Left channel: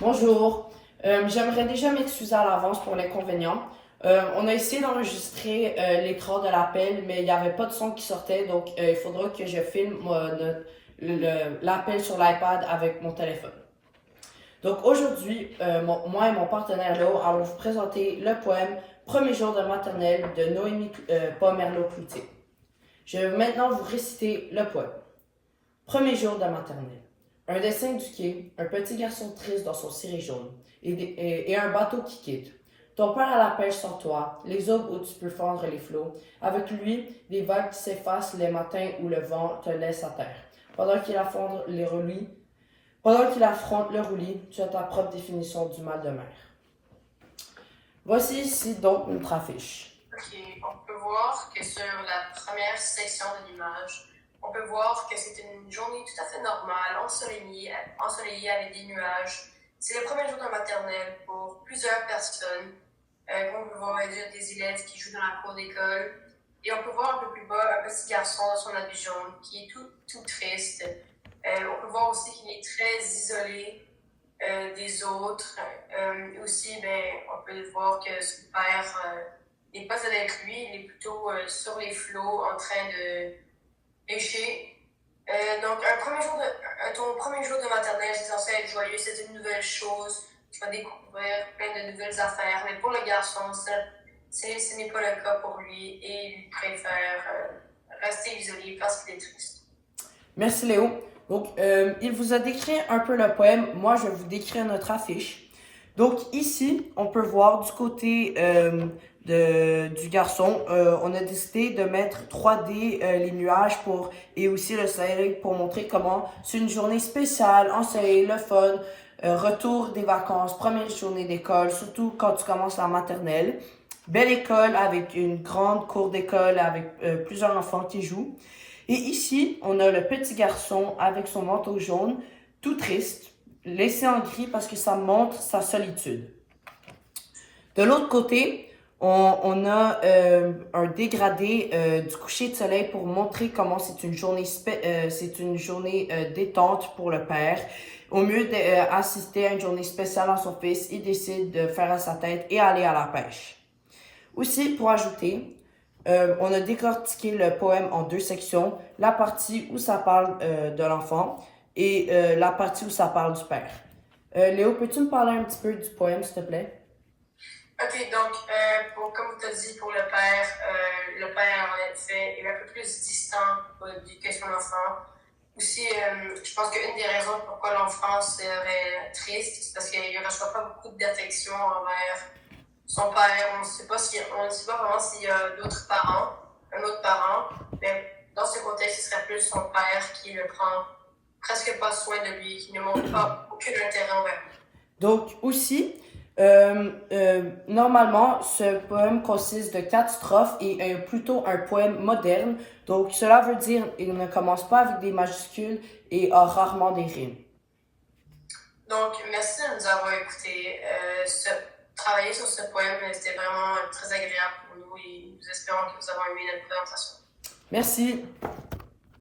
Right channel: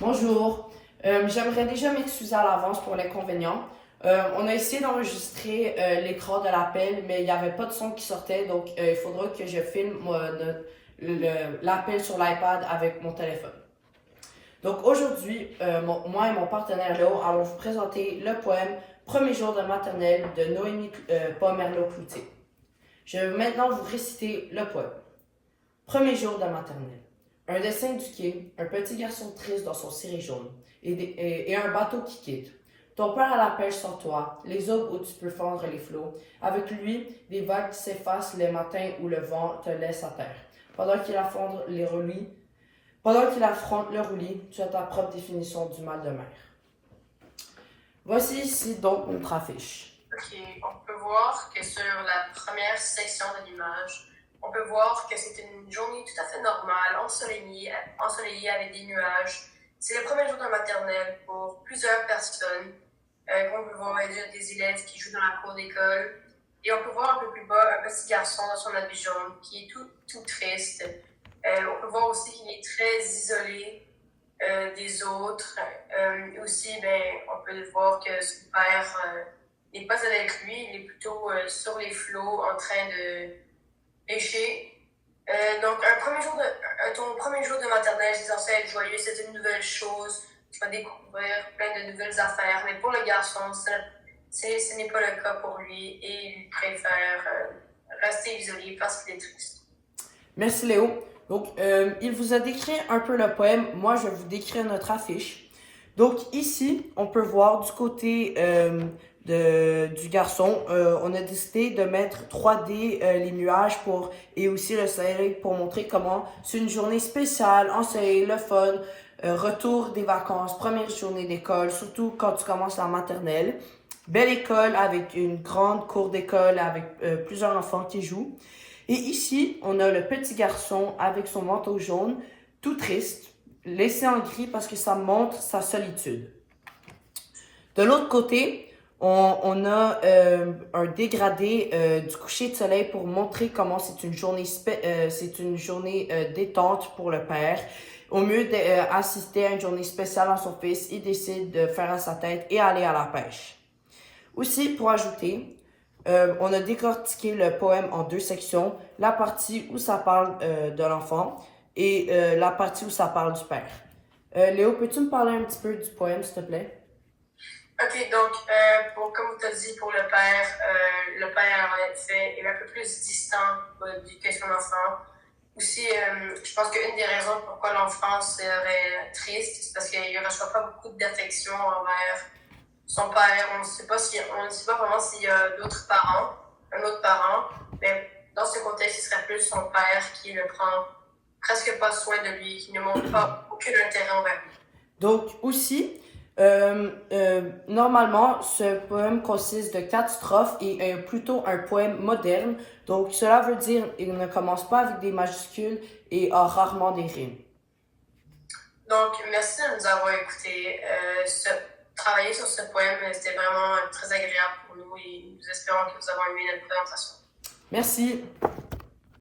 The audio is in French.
Bonjour. J'aimerais déjà m'excuser à l'avance pour l'inconvénient. On a essayé d'enregistrer l'écran de l'appel, mais il n'y avait pas de son qui sortait, donc il faudra que je filme l'appel sur l'iPad avec mon téléphone. Donc aujourd'hui, moi et mon partenaire Léo allons vous présenter le poème Premier jour de maternelle de Noémie Pomerleau-Cloutier. Je vais maintenant vous réciter le poème. Premier jour de maternelle. Un dessin du quai, un petit garçon triste dans son ciré jaune, et un bateau qui quitte. Ton père à la pêche sans toi, les aubes où tu peux fendre les flots. Avec lui, des vagues qui s'effacent les matins où le vent te laisse à terre. Pendant qu'il affronte le roulis, tu as ta propre définition du mal de mer. Voici ici donc notre affiche. Ok, on peut voir que sur la première section de l'image, on peut voir que c'est une journée tout à fait normale, ensoleillée avec des nuages. C'est le premier jour de maternelle pour plusieurs personnes. On peut voir des élèves qui jouent dans la cour d'école. Et on peut voir un peu plus bas un petit garçon dans son habit jaune qui est tout triste. On peut voir aussi qu'il est très isolé des autres. Aussi, on peut voir que son père n'est pas avec lui, il est plutôt sur les flots en train de pêcher. Donc, ton premier jour de maternelle, c'est censé être joyeux, c'est une nouvelle chose, tu vas découvrir plein de nouvelles affaires. Mais pour le garçon, ce n'est pas le cas pour lui et il préfère rester isolé parce qu'il est triste. Merci Léo. Donc, il vous a décrit un peu le poème. Moi, je vais vous décrire notre affiche. Donc, ici, on peut voir du côté du garçon, on a décidé de mettre 3D les nuages et aussi le soleil pour montrer comment c'est une journée spéciale, ensoleillée, le fun, retour des vacances, première journée d'école, surtout quand tu commences la maternelle. Belle école avec une grande cour d'école avec plusieurs enfants qui jouent. Et ici, on a le petit garçon avec son manteau jaune, tout triste, laissé en gris parce que ça montre sa solitude. De l'autre côté, on a un dégradé du coucher de soleil pour montrer comment c'est une journée détente pour le père. Au mieux d'assister à une journée spéciale à son fils, il décide de faire à sa tête et aller à la pêche. Aussi, pour ajouter, on a décortiqué le poème en deux sections, la partie où ça parle de l'enfant et la partie où ça parle du père. Léo, peux-tu me parler un petit peu du poème, s'il te plaît? Ok, donc, comme tu as dit, pour le père, en effet, est un peu plus distant que son enfant. Aussi, je pense qu'une des raisons pourquoi l'enfant serait triste, c'est parce qu'il ne reçoit pas beaucoup d'affection envers son père. On ne sait pas vraiment s'il y a un autre parent, mais dans ce contexte, ce serait plus son père qui ne prend presque pas soin de lui, qui ne montre pas aucun intérêt envers lui. Donc, aussi, normalement, ce poème consiste de 4 strophes et est plutôt un poème moderne. Donc, cela veut dire qu'il ne commence pas avec des majuscules et a rarement des rimes. Donc, merci de nous avoir écoutés. Travailler sur ce poème, c'était vraiment très agréable pour nous et nous espérons que vous avez aimé notre présentation. Merci.